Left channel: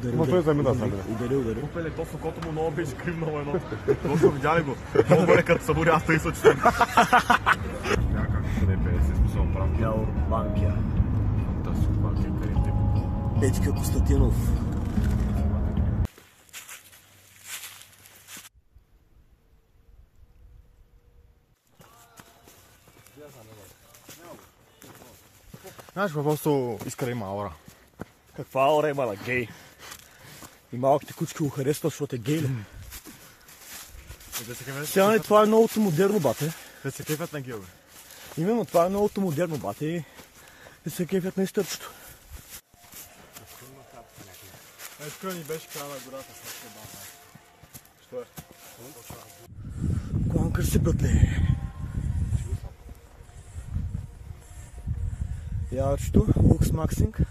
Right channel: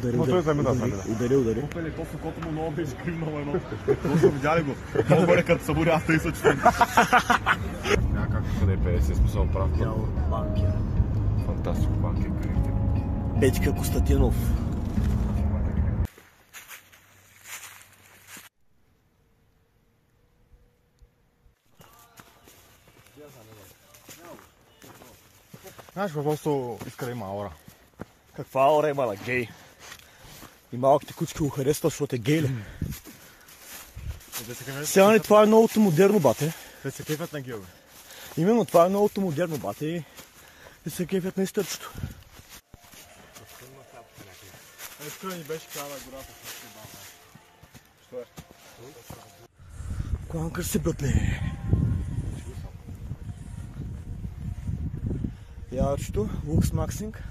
Удари. Опеле, то сокото му много беше кривнало едно. Точно видя ли го? Много бъде като събури, аз тъй съчи съм. Някак къде 50 способен прав. Явор Банкия. Фантастик Банкия, къде те? Петка Костадинов. Знаеш, просто иска да има аура. Каква аура има на гей? И малките кучки го харесват, защото е гей ли? Сега не, това е новото модерно, бате. Те се кефят на геове. Именно това е новото модерно, бате. И се кефят на изтърчето. Тук ни беше цяла гората. Що е? Кланкър си, братле. Яърчето, Лукс Максинг.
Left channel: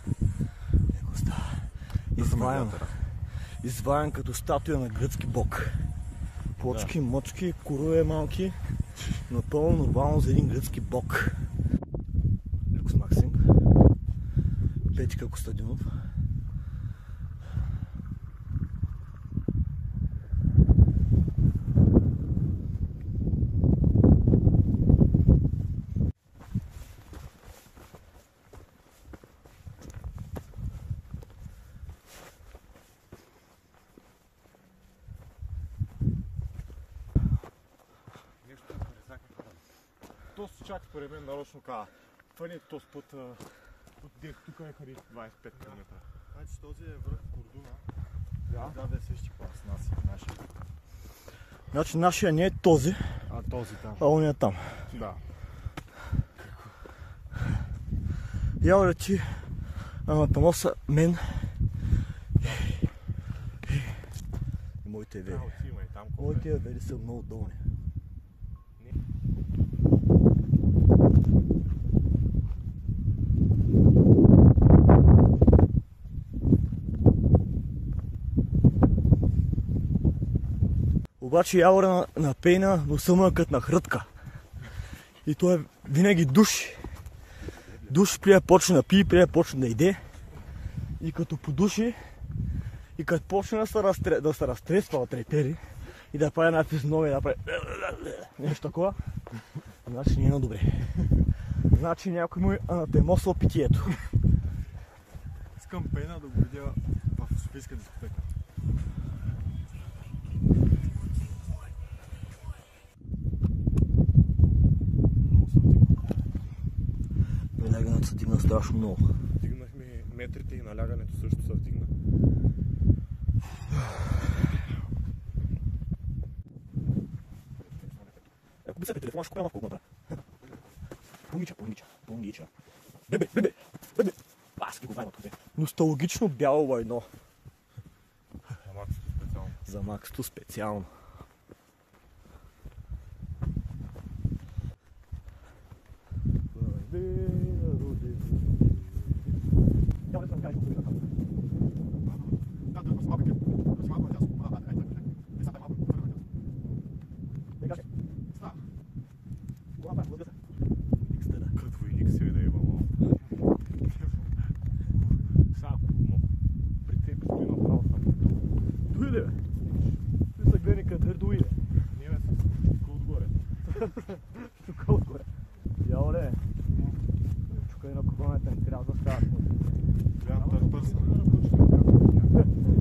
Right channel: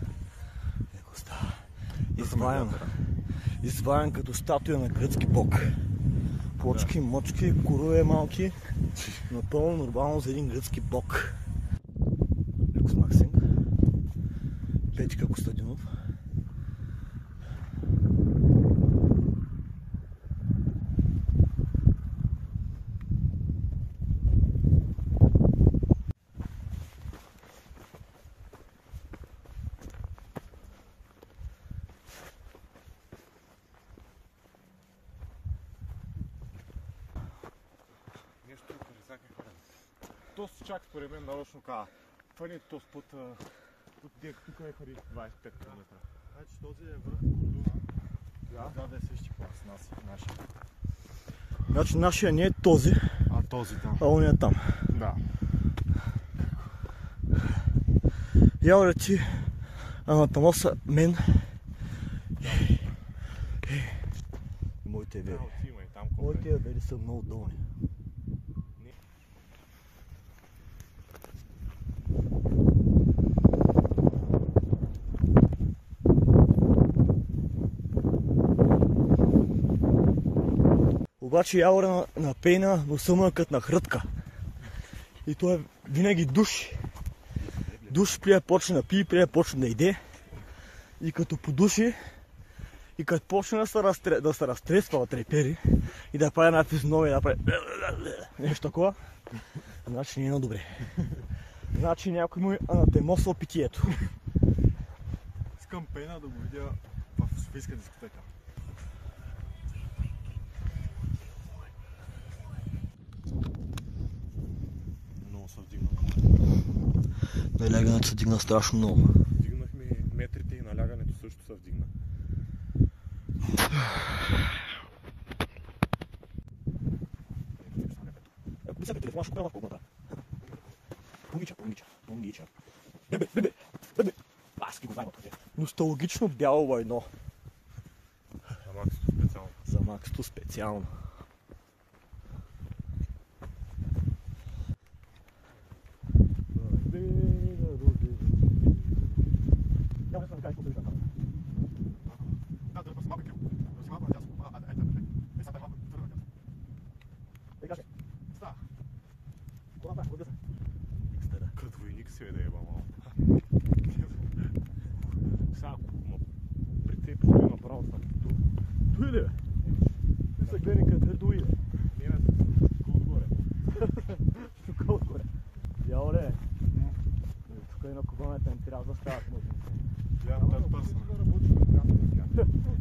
Еко става. Изваян като статуя на гръцки бог. Плочки, мочки, корове малки. Напълно нормално за един гръцки бог. Лукс Максинг. Петка Костадинов. То си чак според мен нарочно казва. Това не е този път, тук е хари 25 км. Значи този е връх Кордуна. Да е същи клас, нашия. Значи нашия не е този, а он е там. Да. Явре ти, анатомоса мен и моите вери. Моите вери са много долни. Обаче явора на пейна го съмъкът на хрътка. И той е винаги души. Души прия почне да пие, прия почне да иде. И като подуши, и като почне да се разтресва от трепери и да прави една физиономия, да прави нещо такова, значи не е добре. Значи някой му е анатемосал питието. Искам пейна да го видя в Софийска дискотека. Налягането се дигна страшно много. Дигнахме метрите и налягането също се вдигна. Ако би сега телефона, ще купя малко Помнича. Бебе. Аз ги го вайма. Носталгично бяло войно. За Максто специално. Дойде, бе. Ти са гледани къде дойде. Не, тук отгоре. Тук отгоре. Яле. Тук и на кубаната не трябва да стават. Гледам да търсам.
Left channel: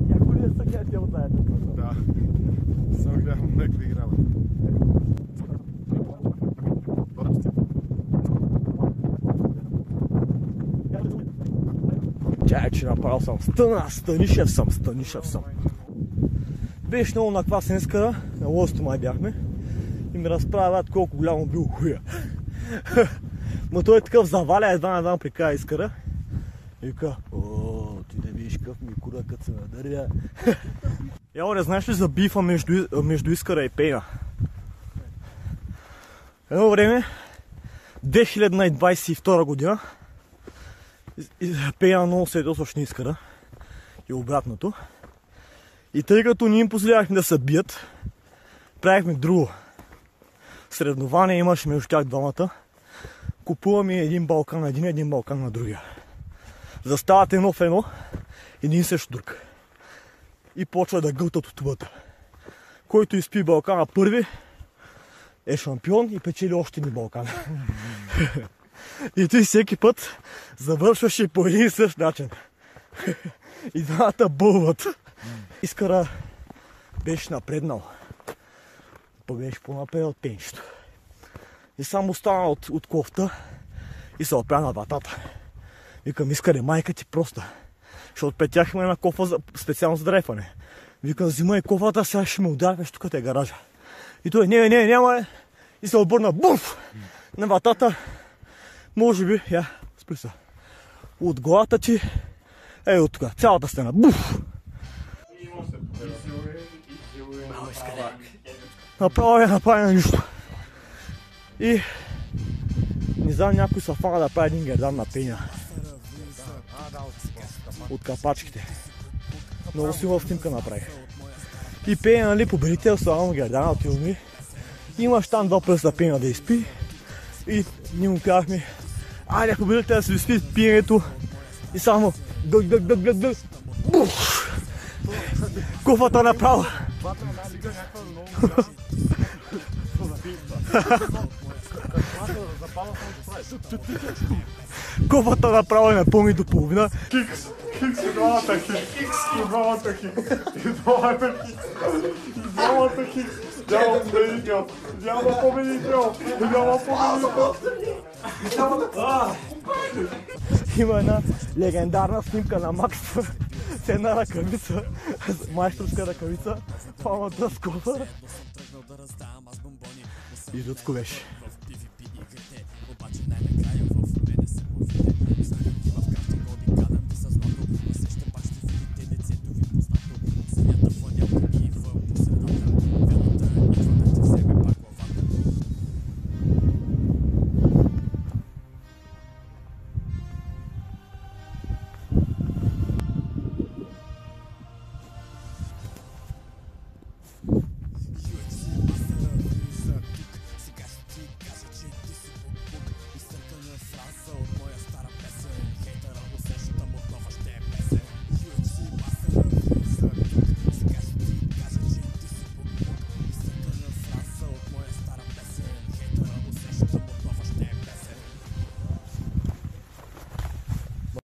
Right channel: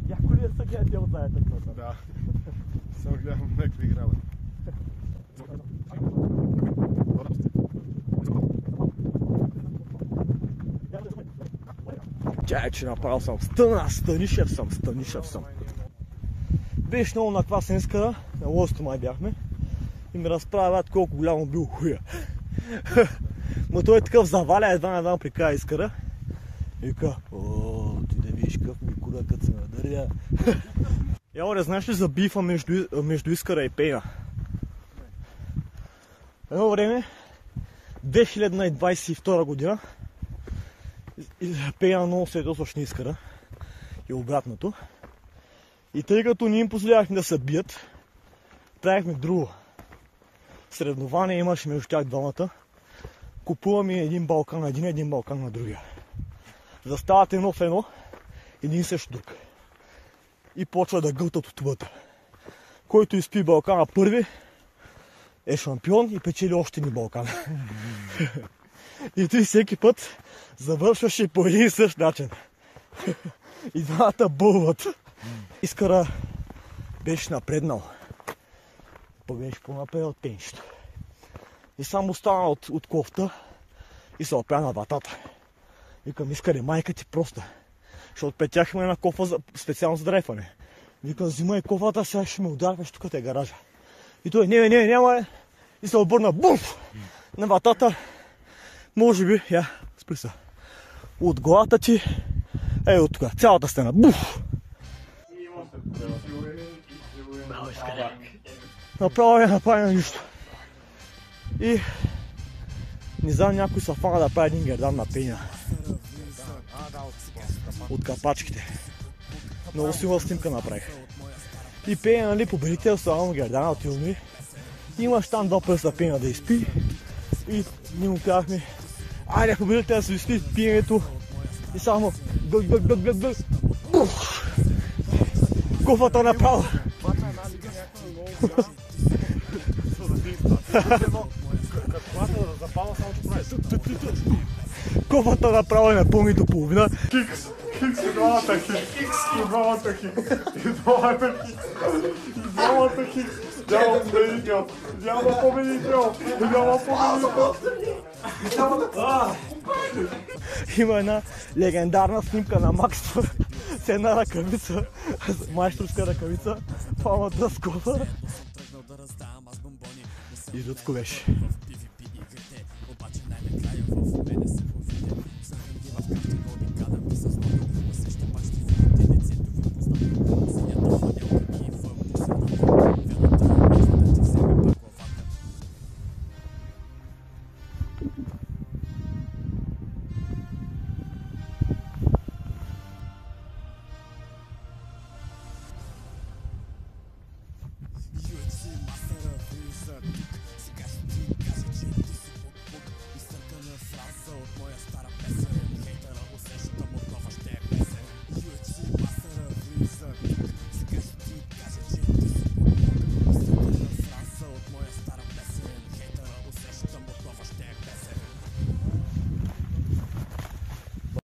Някой ли да са гледате от заедно къса? Да. Съм гледам някакви играва. Тя че направил съм. Станишев съм. Беше много на това сенска, на лосто май бяхме. И ми разправят колко голямо бил хуя. Ма той е такъв заваля, едва при края изкара. И вика, ти да видиш къв ми кура, като се надъря. Ялоре, знаеш ли за бифа между Искъра и Пейна? Едно време, 2022 година, Пейна много се ядосваше на Искъра и обратното. И тъй като ние им позволявахме да се бият, правихме друго. Среднование имаше между тях двамата. Купуваме един балкан на един балкан на другия. Застават едно в едно, един срещу друг. и почва да гълтат от тубата. Който изпи Балкана първи е шампион и печели още ни Балкана. И ти всеки път завършваш и по един и същ начин. И двамата бълват. Искара беше напреднал. Па беше по-напреднал тенчето. И само стана от кофта и се опря на вратата. Викам, Искаре, майка ти просто. Защото пред тях има една кофа специално за дрейфане. Викам, взимай кофата, сега ще ме удариш, тук е гаража. И той, няма. И се обърна, буф! На вратата. Може би, спри се. От главата ти, от тук, цялата стена, буф! Направи на нищо. И не знам, някой се фана да прави един гердан на пеня. От капачките. Много силна снимка направих. И пеня, нали, победител славам гердана от филми. Имаш там два пръста пеня да изпи. И ние му казахме, айде победител да си изпи пиенето. И само дъг. Буф! Кофата направо. Кофата направо е напълни до половина. Хикс и двамата хикс. Няма победител. Има една легендарна снимка на Макс с една ръкавица, майсторска ръкавица, палмата с кофа. И жутко беше.